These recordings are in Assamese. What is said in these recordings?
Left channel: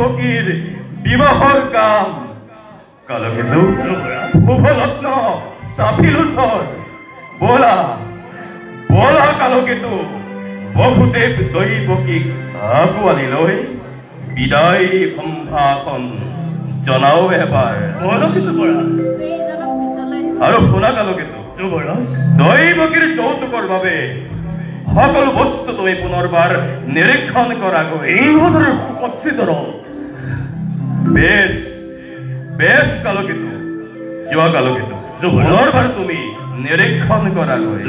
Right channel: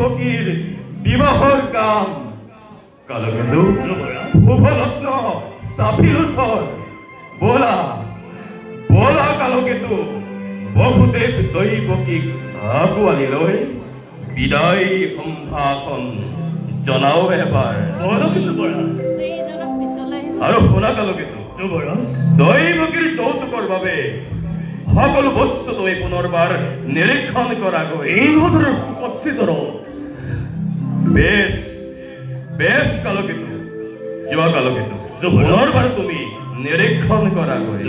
ফকিৰ বিবাহৰ কাম কালকেতু শুভৰত্ন সাফিলুসৰ বলা বলা কালকেতু বহুদেৱ দৈৱকীক আগুৱালি লৈ বিদায় সম্ভাষণ জনাও এবাৰ আৰু শুনা কালকেতু দৈৱকীৰ যৌতুকৰ বাবে সকল বস্তু তুমি পুনৰবাৰ নিৰীক্ষণ কৰাগৈ এইভাবে বেশ বেশ কালকেতু যোৱা কালকেতু পুনৰবাৰ তুমি নিৰীক্ষণ কৰাগৈ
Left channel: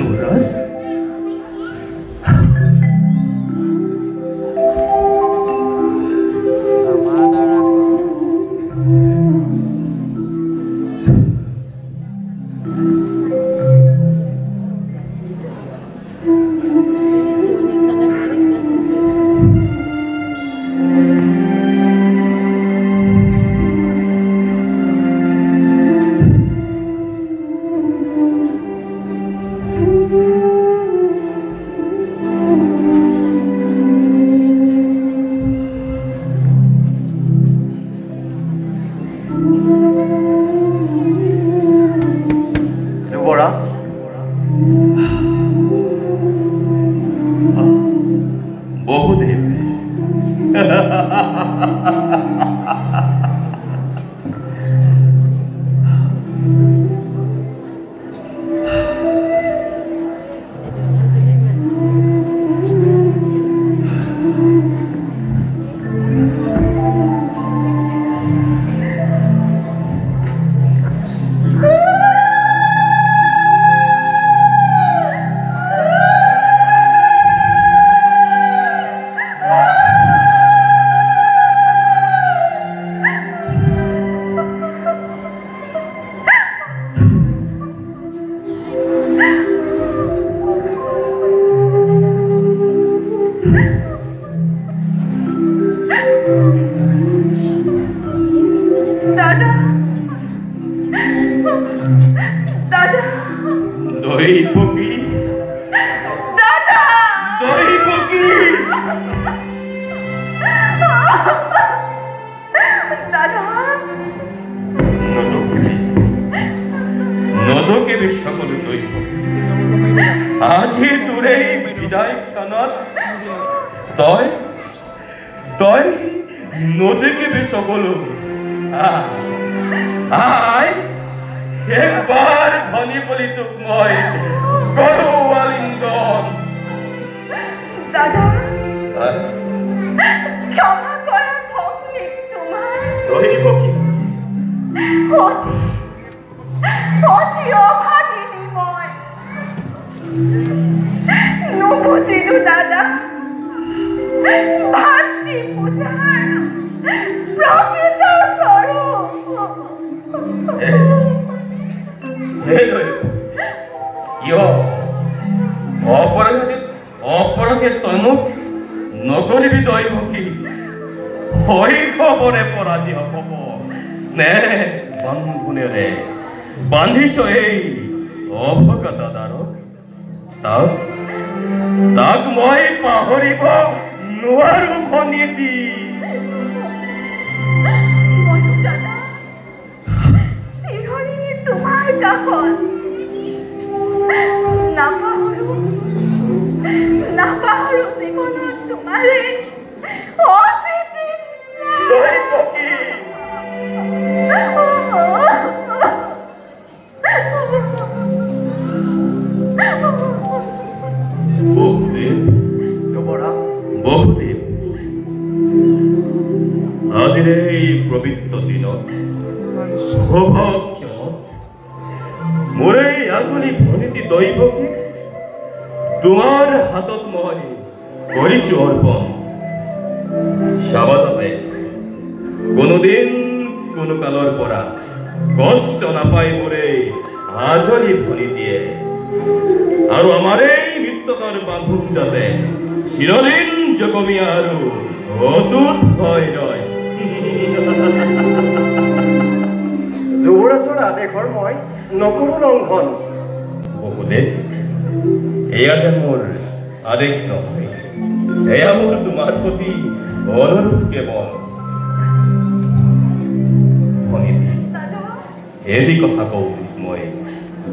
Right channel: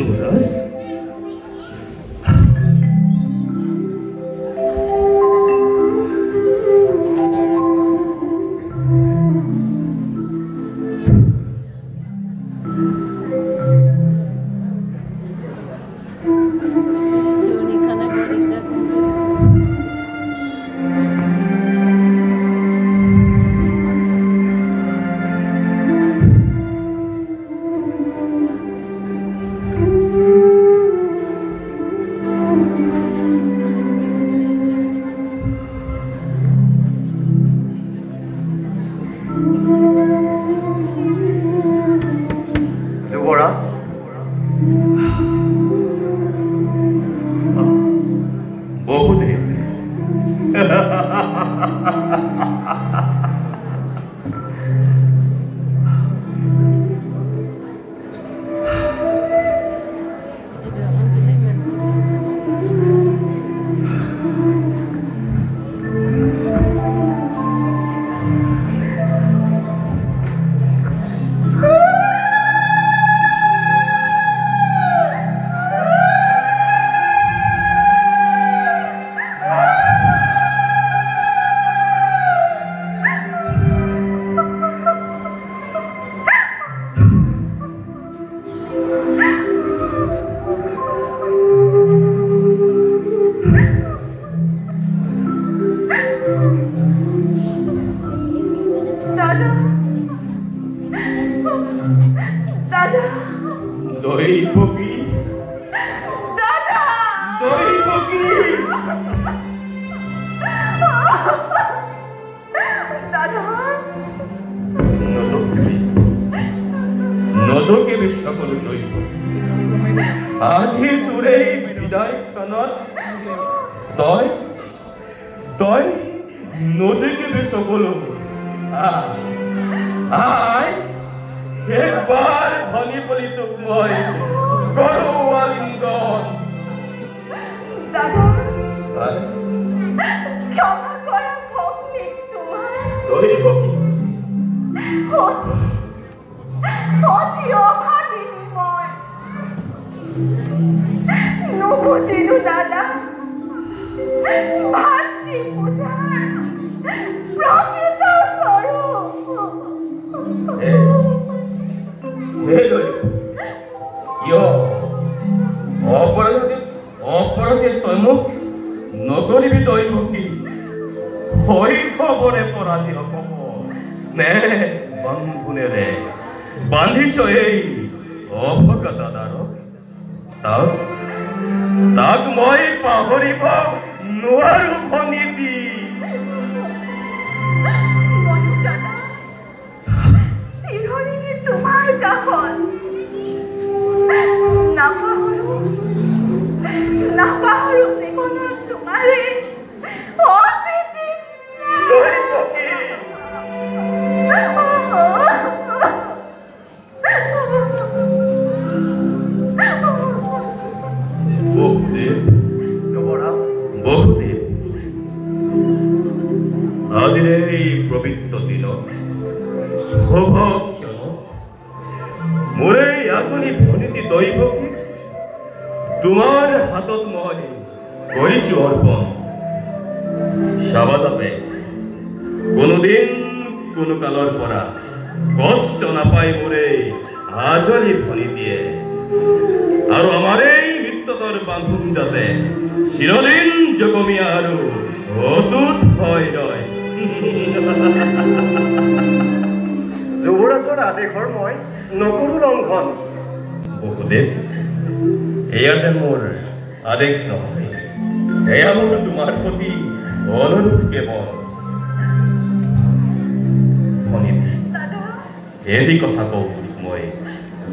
এৰি কথা কওঁ মই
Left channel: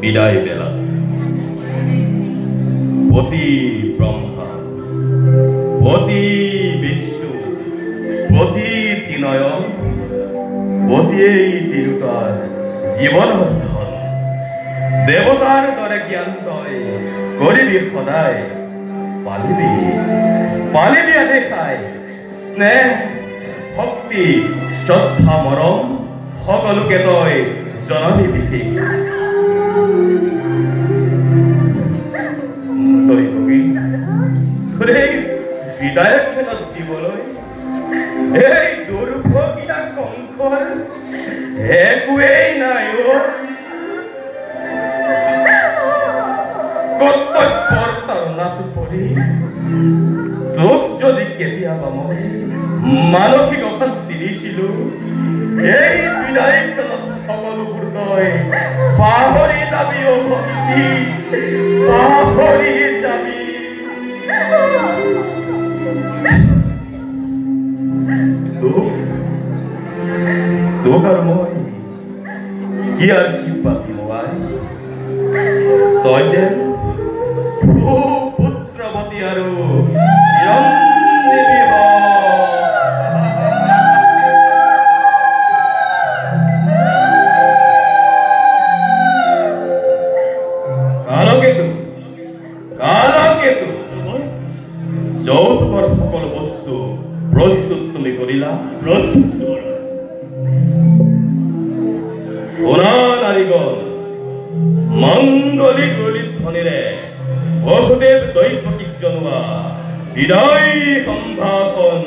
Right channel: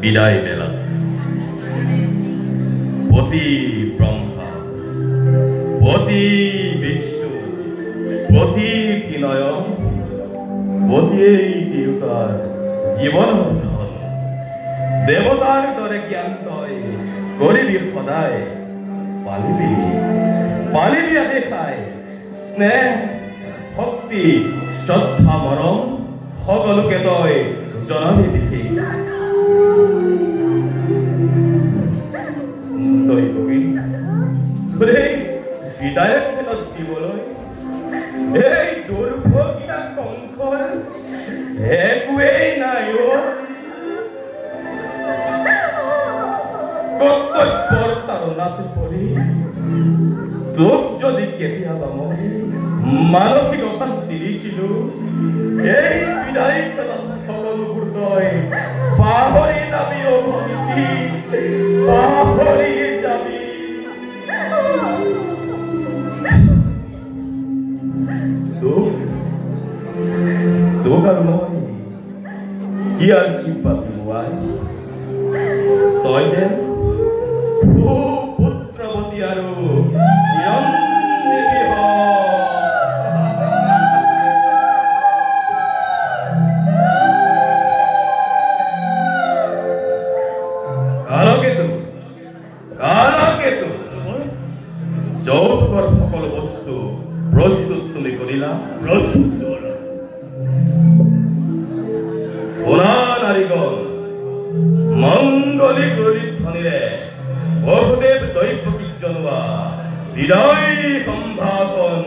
বিদায় বেলা পতি ব্ৰহ্মা পতি বিষ্ণু পতি তিনয়ন পতিয়েই তিৰুতাৰ জীৱনৰ ধন দেৱতাৰ দৰে জ্ঞান তই কৰিবি সদায় পালিবি পালিবি আদেশাই স্নেহ ভক্তি শ্ৰদ্ধা মৰম সকলোকে তই জনাবি বিশেষ তই কবি বিদায়ক খেলত দিবলৈ এই দুৰ্ভগীয়া কংসৰ একোৱেই নাই কৰ্তব্যৰ তাৰণাত পৰি তোক যদি কেতিয়াবা মই মানসিক অশান্তি দিছিলো এই বিদায় খেলত সকলোবোৰ তই পাহৰি যাবি অভক্তি পাহৰি যাবি তোক আৰু মই কি আৰু কি পাতি নোৱাই তই যে পুত্ৰৱতী আৰু চিৰঞ্জীৱী হ যৌতুকৰ সকলো বস্তু প্ৰস্তুত তুমি কৰিলা প্ৰস্তুত শুনা নাৰীগণ মংগলী গলিত ধ্বনিৰে বহুদেৱ দৈৱকীক জনোৱা বিদায় সম্ভাষণ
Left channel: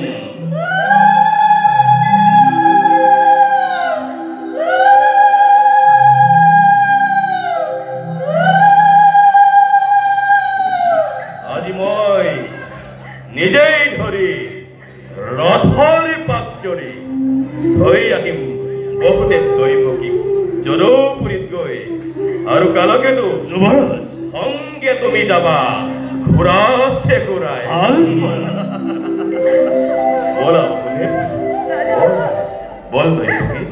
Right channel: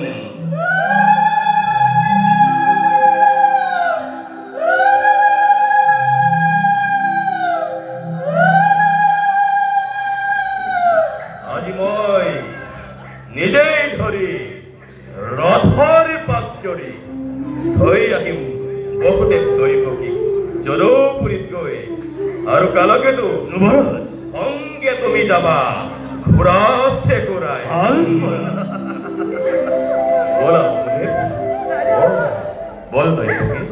আজি মই নিজেই ধৰি ৰথৰ পাক জৰি ধৰি আহিম বহুদেৱ দৈৱকীক জনপুৰীত গৈ আৰু কালকেতো সংগে তুমি যাবা ঘূৰাছে ঘূৰাই বলা বল দৈৱকী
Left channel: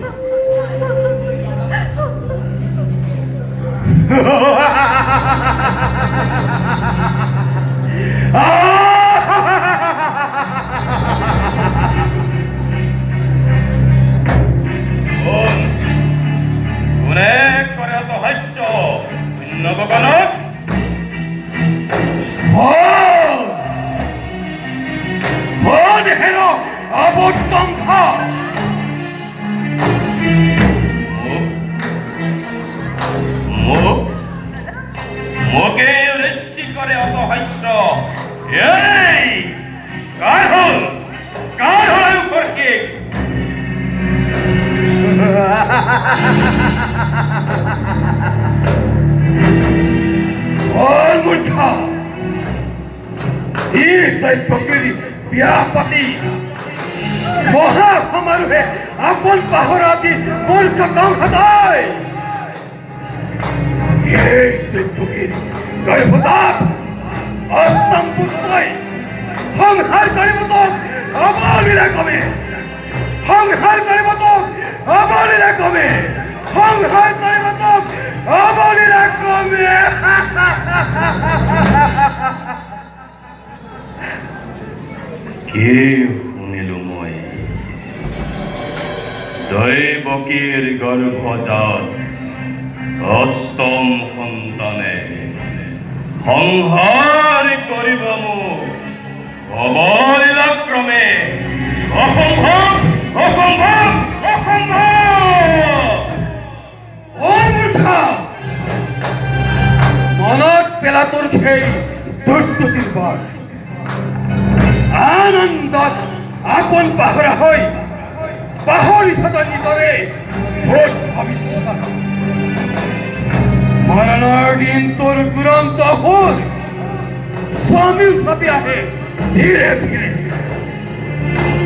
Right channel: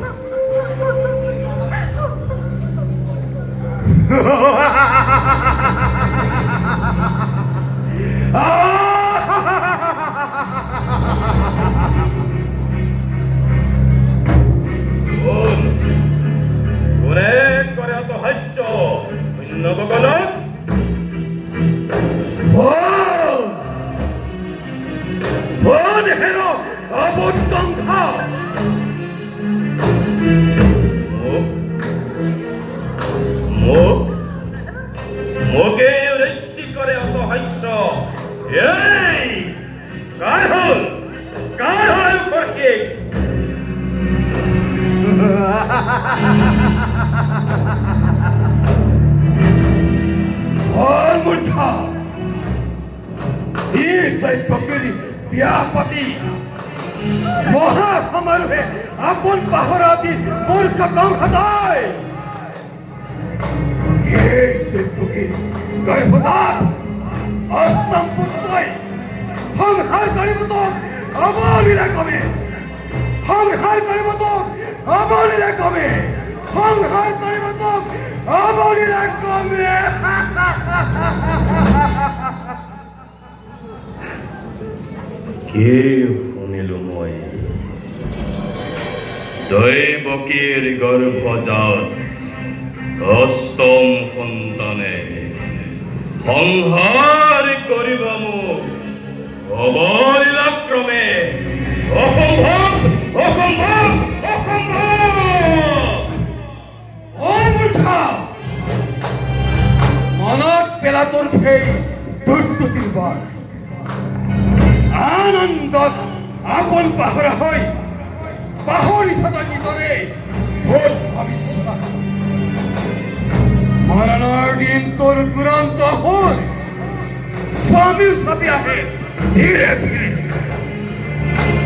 বিয়া পাতি মহা সমাৰোহে আপন পাহৰাতি মূৰ্খ গাঁও সদায় এই দৈৱকীৰ গৰ্ভজাত অষ্টম পুত্ৰই সংহাৰ কৰিব তোক অবলীলা কমে সংহাৰ কৰিব তোক অবলীলা কমে সংহাৰ কৰিব তোক অবলীলা কমে কি শুনিলো মই দৈৱকীৰ গৰ্ভজাত অষ্টম সন্তানে সংহাৰ কৰিব মোক অবলীলাক্ৰমে অসম্ভৱ অসম্ভৱ অসম্ভৱ মনত পেলা তোৰ সেই দুৰ্নীতিৰ বৰ আনন্দত আপন পাহৰা হৈ পাহৰিছ তই নিজৰে ভোট ভৱিষ্যত মৰণৰ দিন তোৰ দুৰন্ত হ'ল স্বামীও চাপি আহে ধীৰে ধীৰে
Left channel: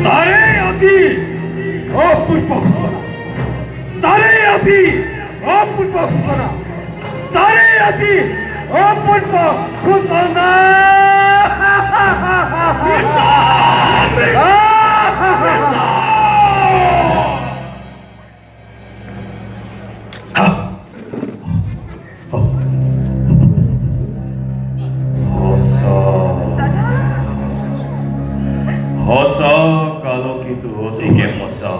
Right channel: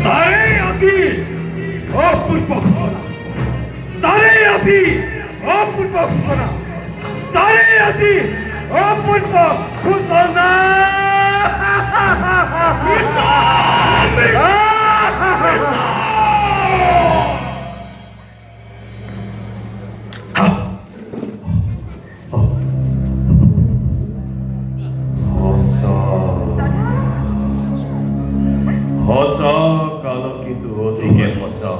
তাৰে আজি অপূৰ্ব সূচনা তাৰে আজি অপূৰ্ব সূচনা তাৰে আজি অপূৰ্ব সূচনা হসা কালকিত হসিকে হসা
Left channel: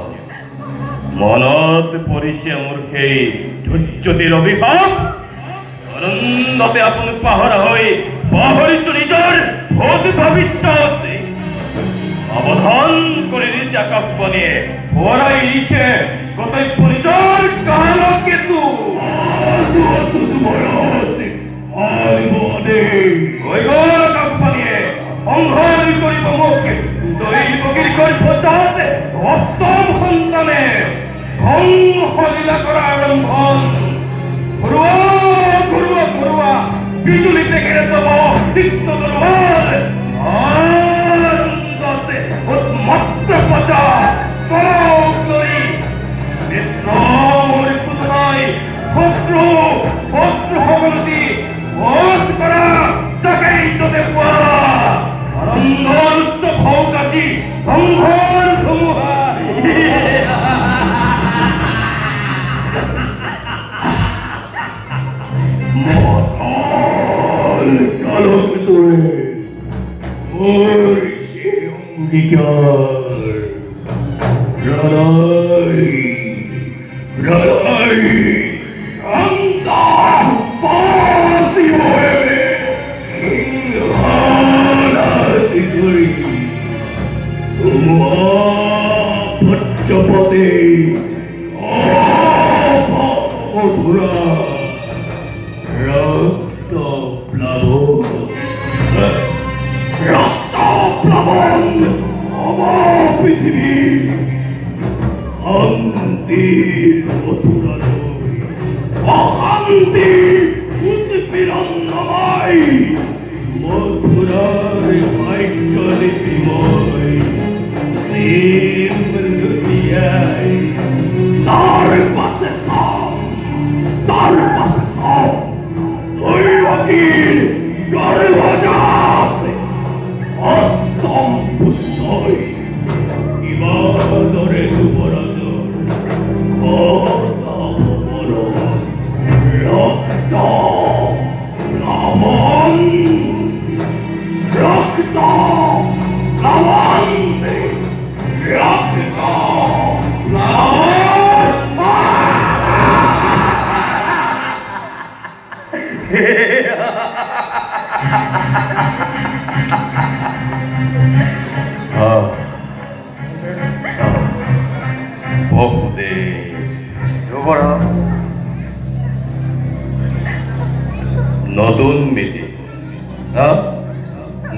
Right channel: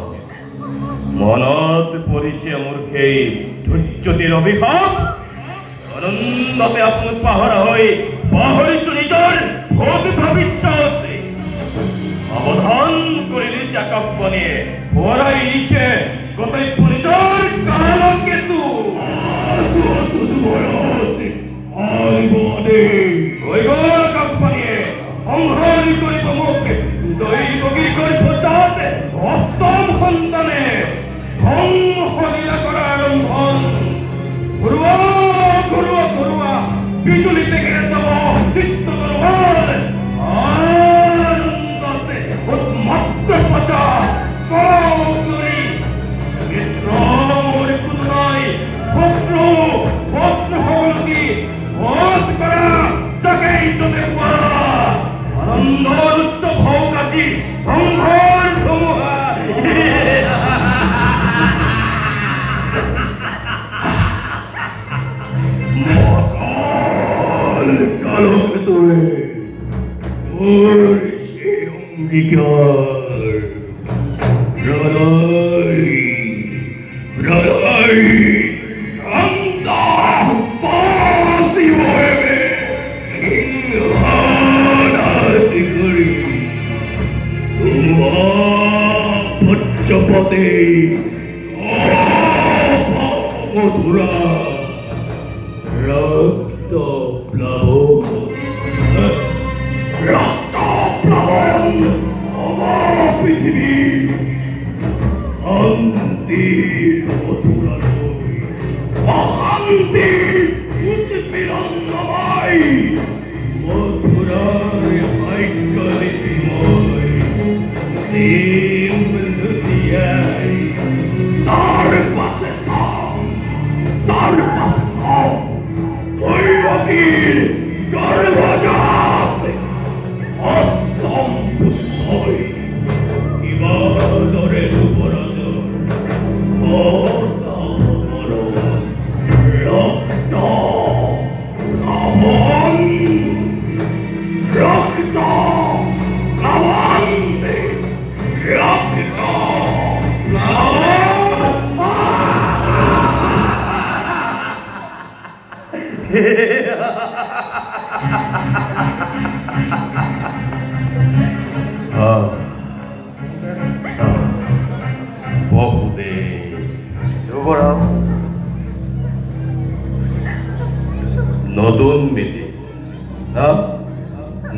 মনত পৰিছে মোৰ সেই ধৈৰ্যতিৰ অভিশাপ আনন্দতে আপুনি পাহৰা হৈ পাহৰিছো নিজৰ ভোগ ভৱিষ্যত অৱধান কৰি দিছে আকাশবাণীয়ে ভৰাই দিছে গোটেই নিজৰ কালকেতু আকাশবাণীয়ে সংহাৰ কৰিব মোক দৈৱকীৰ গৰ্ভজাত অষ্টম সন্তানে সংসলীলা কৰা আৰম্ভণ ঘৰুৱা বিজুলীতে কেনে যাব তিক্ত মনোবল আনন্দতে উন্মত্ত পতা কৰি মিত্ৰ মোৰ পুতলাই শত্ৰু সকলতি ভোজ কৰা জাগাই যতে পোৱা আনন্দৰ উচ্চ ভোগ আজি সংঘৰ ধুমুহা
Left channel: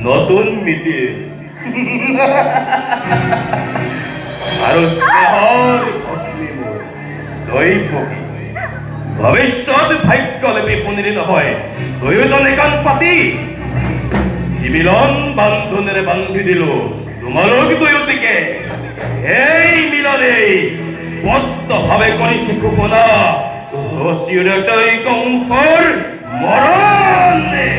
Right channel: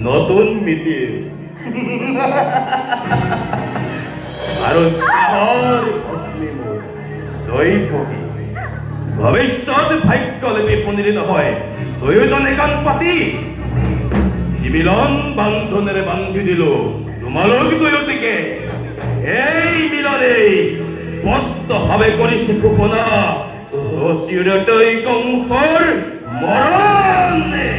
নতুন মিতি আৰু ভৱিষ্যত ভাগ্যলিপি পুনিৰি নহয় দুয়োজন একান পাতি মিলন বান্ধোনেৰে বান্ধি দিলো তোমালোক দুয়োটিকে এই মিলনেই স্পষ্টভাৱে কৰিছে ঘোষণা চিৰতৈ কংসৰ মৰণে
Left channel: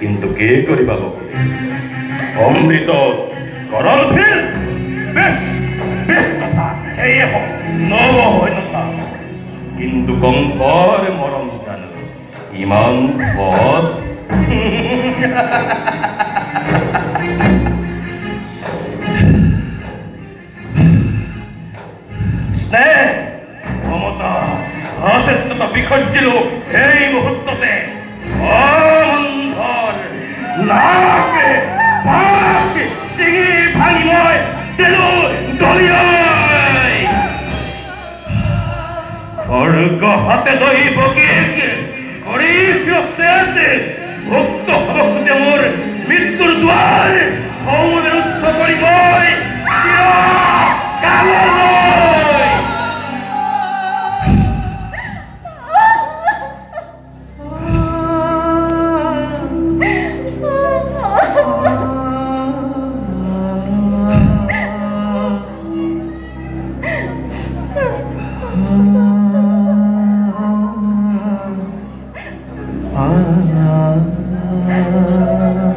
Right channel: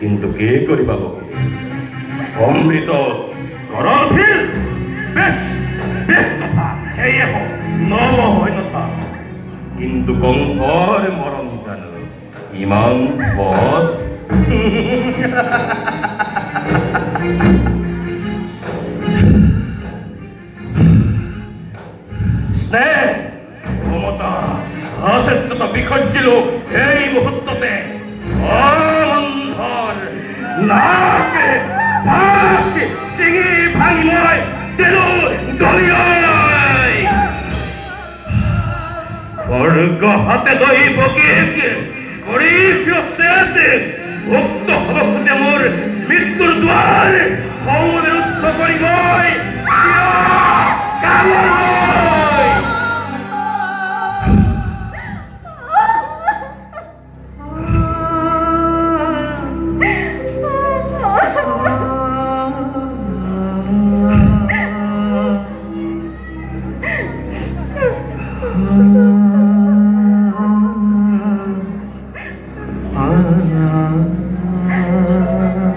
কিন্তু কে কৰিবা অমৃত কৰলফিল বেশ কথা সেয়ে হওক নব হয় কথা কিন্তু কংসৰ মৰম জানো ইমান সহজ স্নেহ মমতা অশ্ৰেষ্ঠতা বিসৰ্জিলো এই মুহূৰ্ততে চিঙি ভাঙি মই দিলো দলিয়াই স্বৰ্গ হাতে লৈ বকিক কৰি ভুক্ত হ'ব খোজে মোৰ মৃত্যুৰ দুৱাৰ খঙেৰে ৰুদ্ধ কৰি মই ah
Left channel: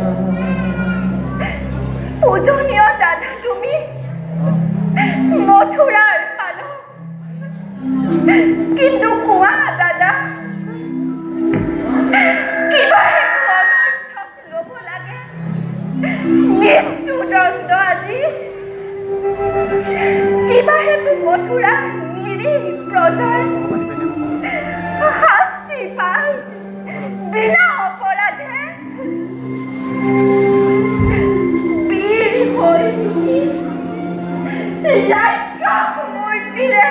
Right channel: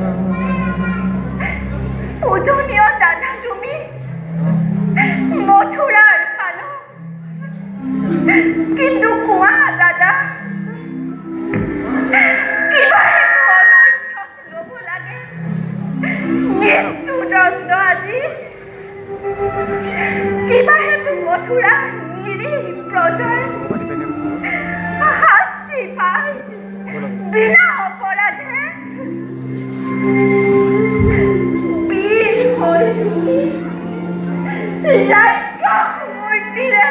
মৃত্যুদণ্ড আজি কিবা হেতু মথুৰা নিৰীহ প্ৰজাৰ শাস্তি পাই বিনা অপৰাধে বীৰ হৈ ৰাক্ষস মূৰ্তিৰে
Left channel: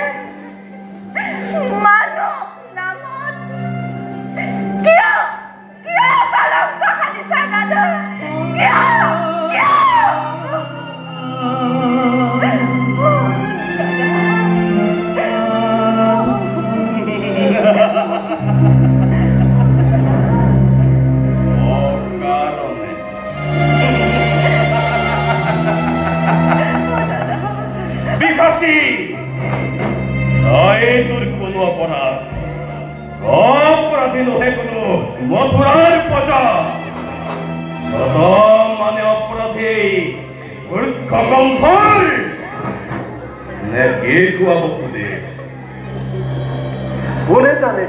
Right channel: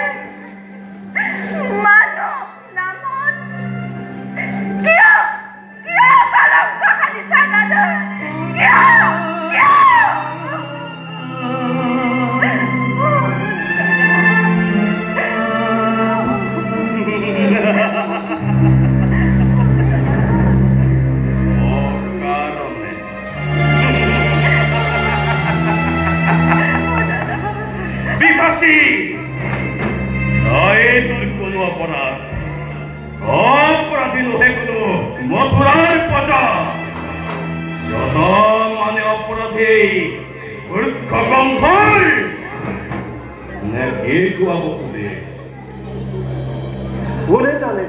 মানৱ নামত কিয় কলংক সানিছা দাদা কিয় মথুরার প্রজা মানে অপরাধী গম্ভীর নাকি কুয়াবকুদে কোনে জানে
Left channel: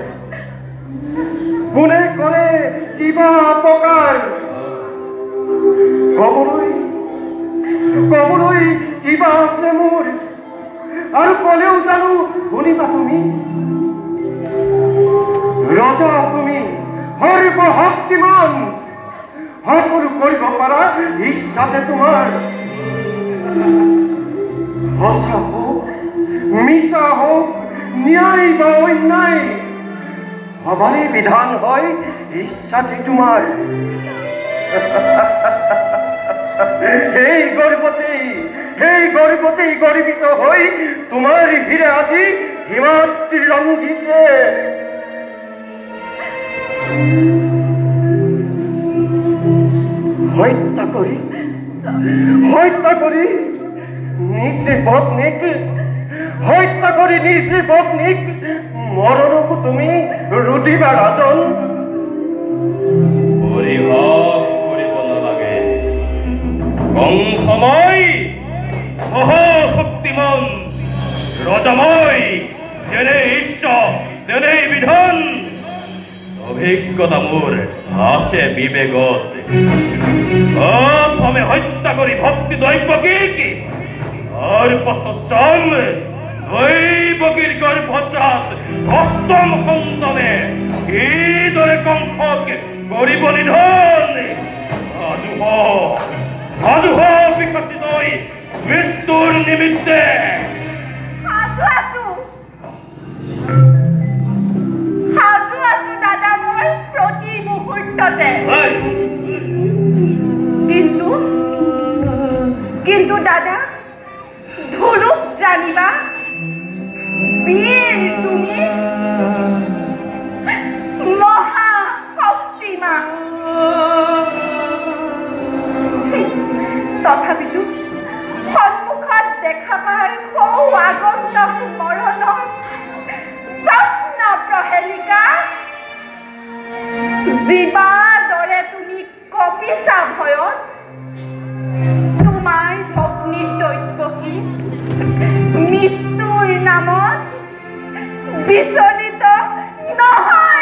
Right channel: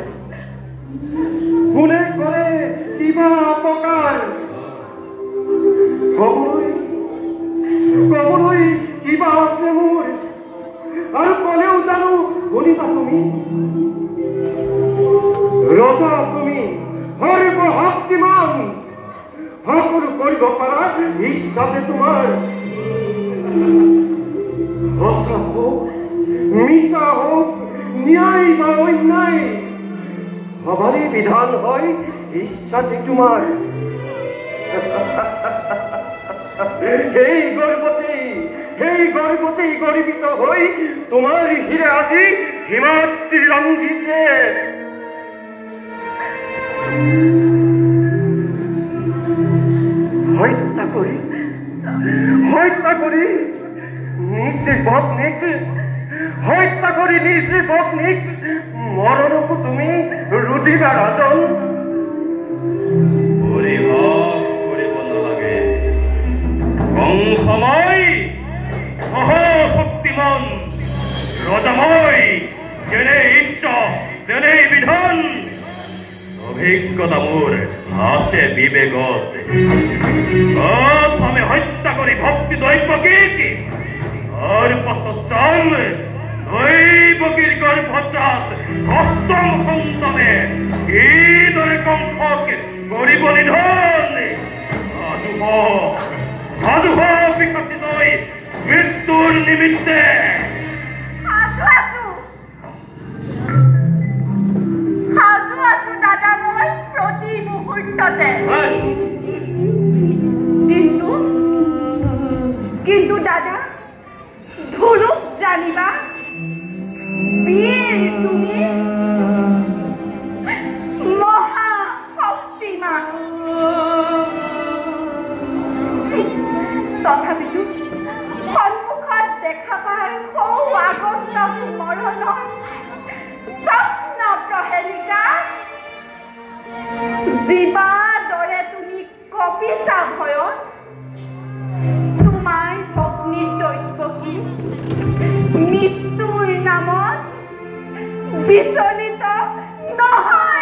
কোনে করে কিবা অপকার কবরই কিবা আছে মোৰ আৰু কলেও জানো শুনিবা তুমি ৰজা তুমি সৰ্ব শক্তিমান সকলো কৰিব পাৰা ইচ্ছাতে তোমাৰ সঁচা হোক মিছা হোক ন্যায় বা অন্যায় সবাৰই বিধান হয় ইচ্ছাতে তোমাৰ এই গৰ্বতেই গৰ্বিত হই তোমাৰ হিৰে আজি হিমাদ্ৰি ৰঙ্গিছে হত্যা কৰি নিজে পত্নীক মৰণকু তুমি ৰুটিবা ৰাজন শক্তিমান ৰজাময় যেনে ঈশ্বৰ যেনে বিধান অভিজ্ঞতা মোৰ আছে বিবেকত প্ৰথমে হত্যা কৰি ভক্তি দৈৱকীক তাৰপাছত চাম দৈৱকীৰ গৰ্ভজাত অষ্টম সন্তানে কিদৰে কণ্ঠক কৰিব নিধন সাজু বিকশিত মৃত্যুৰ নিমিত্তে সাজু আছো দাদা মই প্ৰতি মুহূৰ্ততে কিন্তু দাদা ধুলুক জানিবা বীৰ তুমি মহা শক্তিমান তথাপিতো সন্মুখত দেখা পাই সৌ আগন্তক মৰণৰ স্বপ্ন প্ৰহেলিকা জীৱা দৰে তুমি কপিছা ভয়ত তোমাৰ ভগ্নী দৈৱকী মৃত্যুৰ নামত বিচলিত নহয়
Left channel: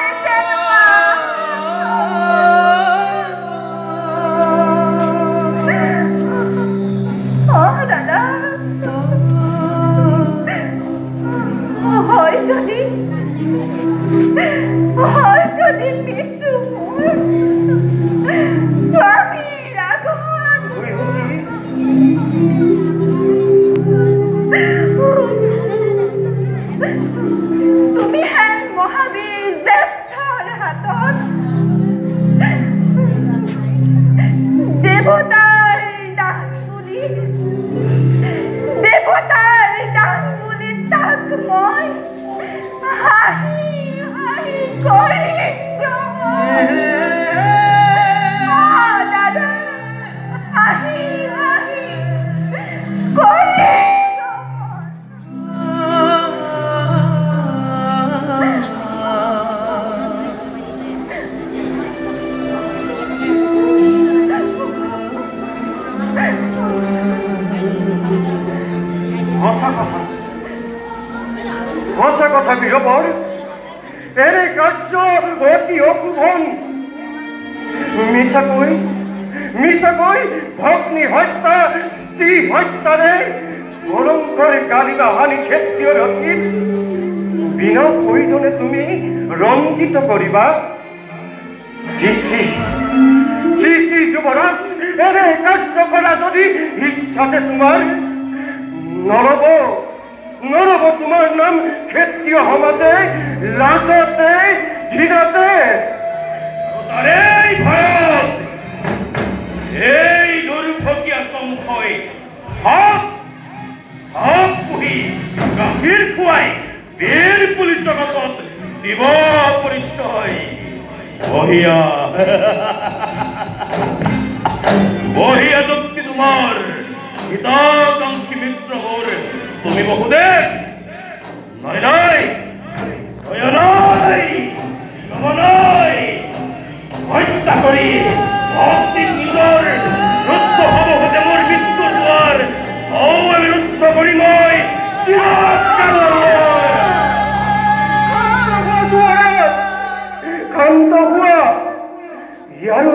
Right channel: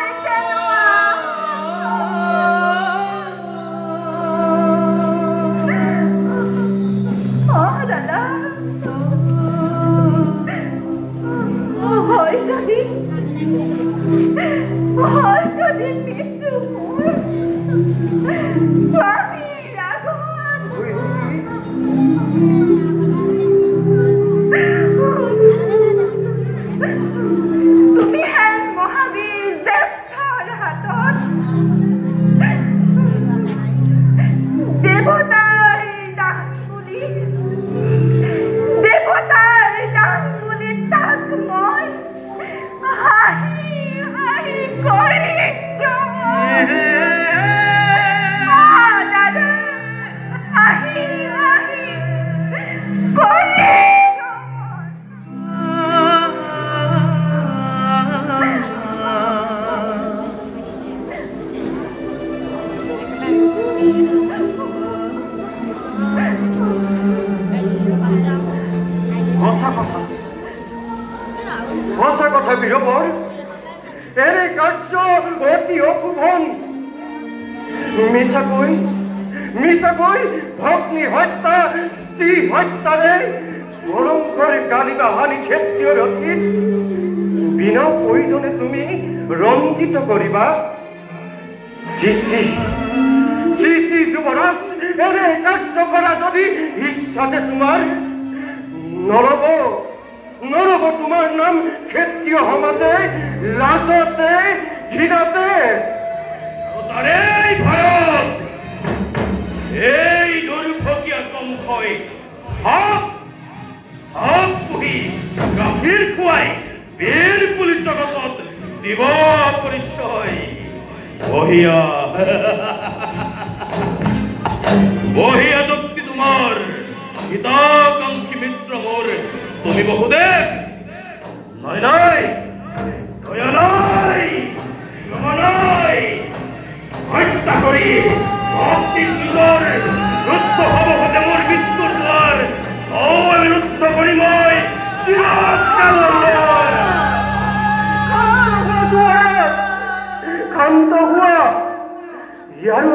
মিছাকৈ ভগ্নী হত্যা স্ত্ৰী হত্যাৰে ভয়ংকৰ গালিবা হানি ক্ষেত্ৰীয় ৰথিত বিনা প্ৰয়োজনে তুমি ৰঞ্জিত কৰিবা। শ্ৰী শ্ৰী যুৱৰাজ, এনে কাৰ্য কৰা যদি ইচ্ছাতে তোমাৰ নৰব তোমাৰ নাম ক্ষেত্ৰীয় সমাজে লাজতে ঘৃণাতে। ভাৰত এই দুৰ্ভগীয়া তমুখই পুহি গাখীৰ খুৱাই বীৰ পুলি জগতত দিব পৰিচয়। বহিয়া দুঃখী তোমাৰ হিতাকাংক্ষী মিত্ৰ মোৰ তুমি বহুদেৱ নাই হত্যা কৰি ভক্তি নিজৰ ৰুদ্ধ সভাপতি মোৰ মৃত্যু হোৱাৰ অনিৰুদ্ধ কৰি মই শান্ত হোৱা। ইয়াৰো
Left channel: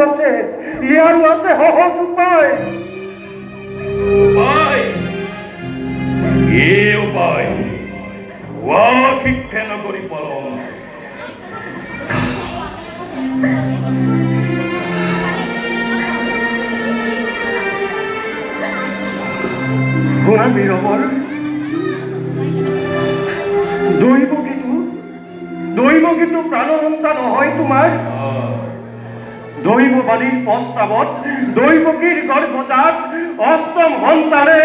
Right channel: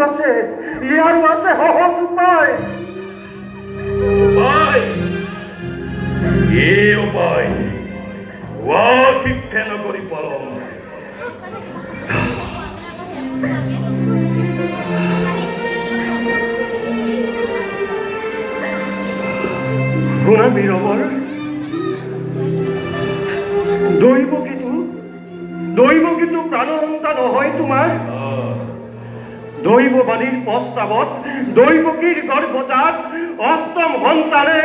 আছে সহজ উপায়। উপায় শিক্ষা নকৰি পালন শুনা বীৰবৰ, দৈৱকীটো প্ৰাণহন্তা নহয় তোমাৰ। দৈৱবাদীৰ প্ৰস্তাৱত দৈৱকীৰ গৰ্ভজাত অষ্টম সন্তানে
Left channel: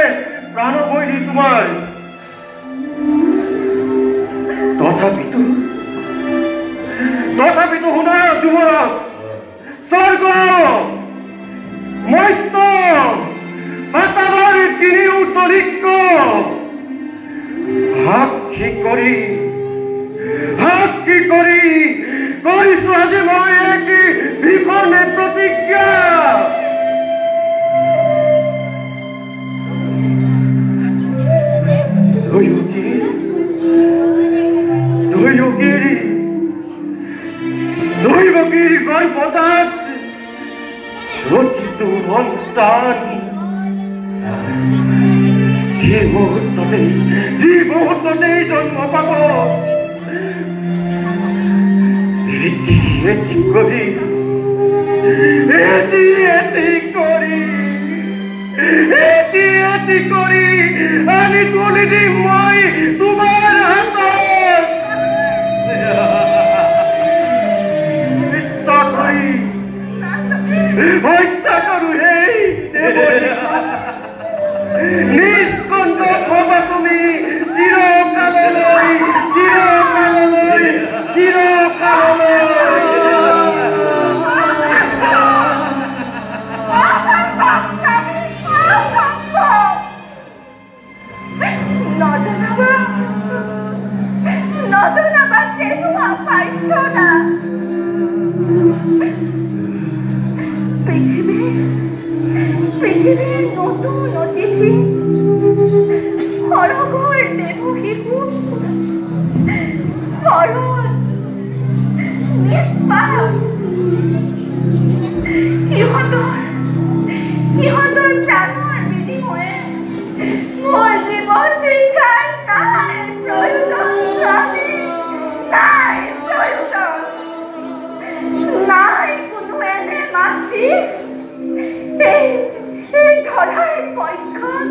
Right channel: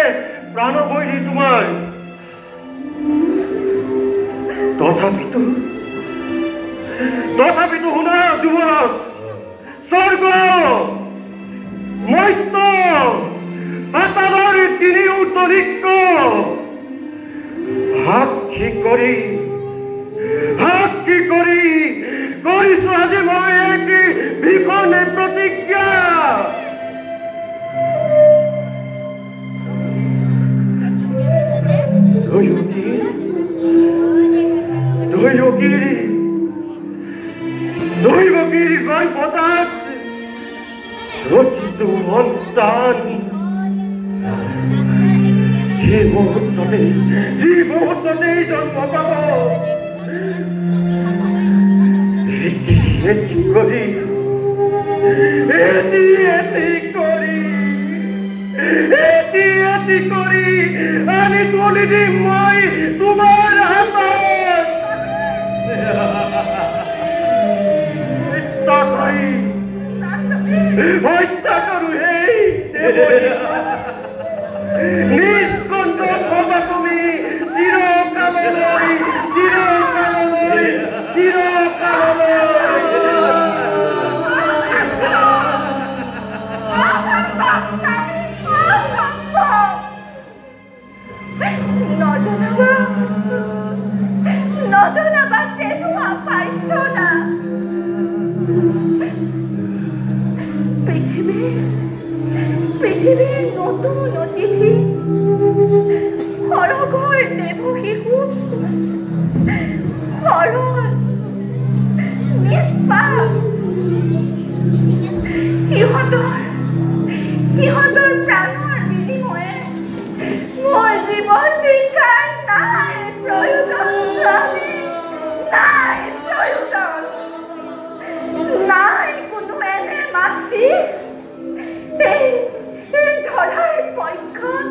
প্ৰাণবৈৰী তোমাৰ। তথাপিতো শুনা যুৱৰাজ, স্বৰ্গ মৈত্য পাতালৰ তিনিওতলিক সাক্ষী কৰি কৰিছো আজি মই এক ভীষণে প্ৰতিজ্ঞা। দৈৱকীৰ গৰ্ভজাত প্ৰতিটো সন্তান যি মুহূৰ্ততেই জন্ম পাব, এটি কৰি আনি তুলি দিম মই তোমাৰ হাতত। হত্যা কৰো সেই নিষ্কণ্ঠ হবা তুমি চিৰকাললৈ। নজনাবা কেনেকুৱা বাধ্যতা। পৃথিৱীৰ নতুন অতিথি সৰগৰ দেৱ শিশু সৰল নিষ্পাপ সিহঁতৰ প্ৰাণৰ বিনিময়ে মোৰ জীৱন ভিক্ষাৰ নাই প্ৰয়োজন। নাই কোনো এনে মাতৃ এই ধৰাৰ পক্ষত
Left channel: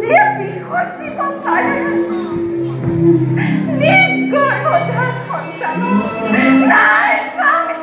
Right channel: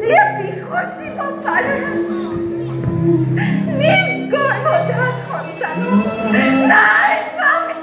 যিয়ে বিসৰ্জিব পাৰে নিজ গৰ্ভজাত সন্তানক। নাই স্বামী,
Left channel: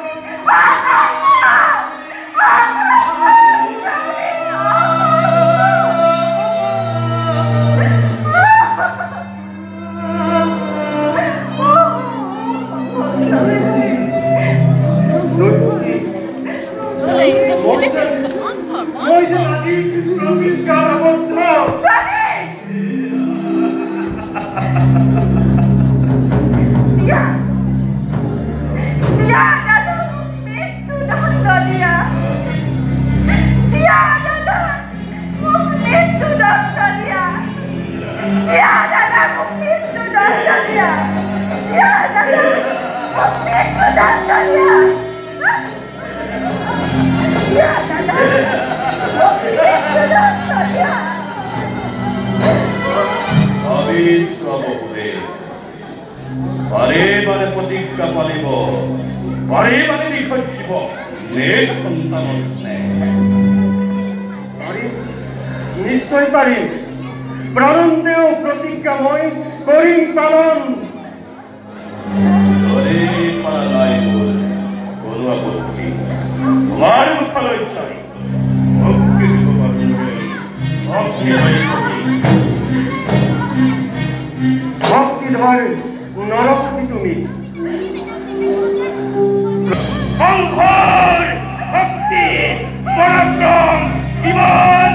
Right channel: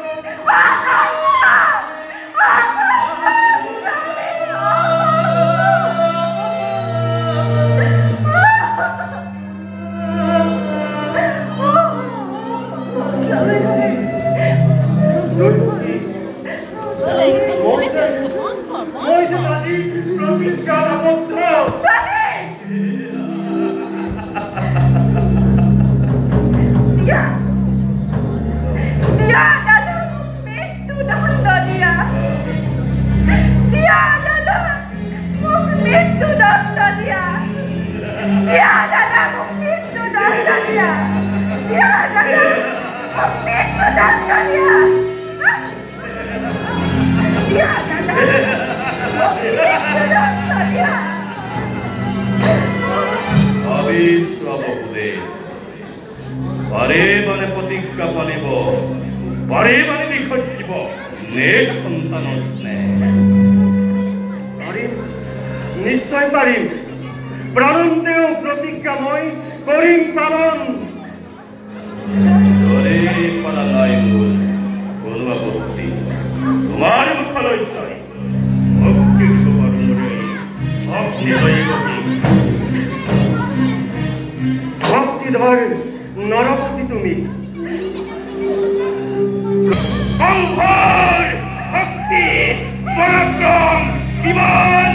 নিঃসন্তান স্নেহ। আৰে, নিশ্চয় পাৰিম প্ৰাণন্তেও প্ৰতিজ্ঞাময় কৰিম পালন। ভক্তিধৰ নৰপতি তুমি সংসাৰ, শক্তি, পৰাক্ৰম, জীবন,